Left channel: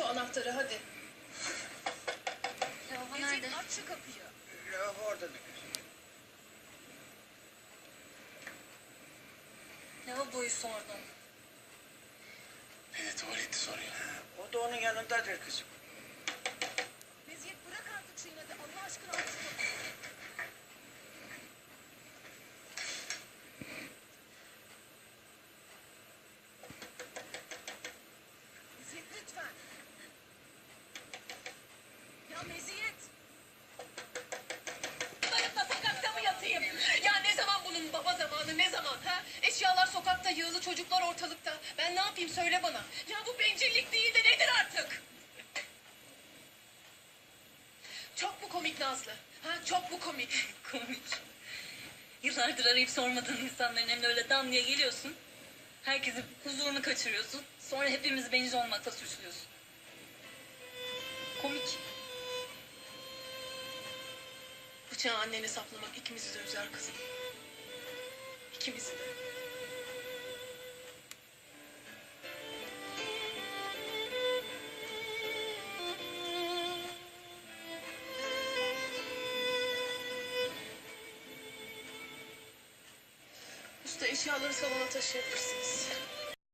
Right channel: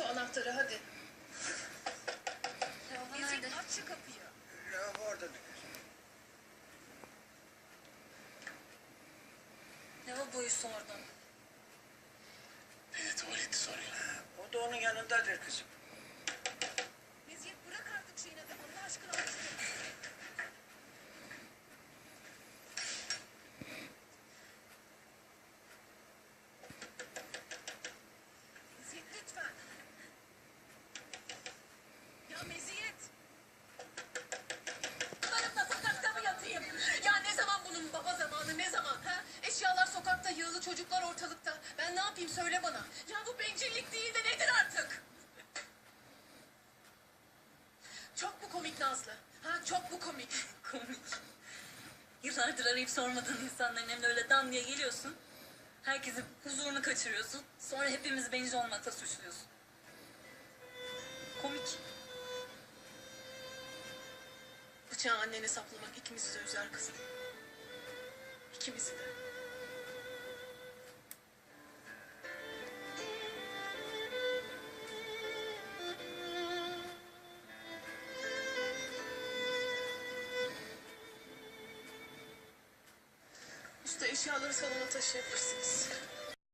şu anahtarı hadi. Lavabo nerede? aç şu kapıyı. Lavabo orada da kızım. Lavaboyu sordum. Evet tuvaleti soruyor. O da onun yanındadır kızım. Yığılı çocuklar ortalıkta. Ben ne yapayım söyle bana. Ya bu bencillik değil de nedir artık? Çok mu komik Nazlı? Ha çok mu komik? Komik. Yıllardır arayıp sormadığın insanların evine öyle dam diye geliyorsun. Herkesin huzurunu kaçırıyorsun. Sonra hepimizi bencil olmakla suçluyorsun. Komik. Bıçağı annene saplamak ikimizi de üzer kızım. İkimizi de. Usta eşyaları salona taşıyabilirsiniz.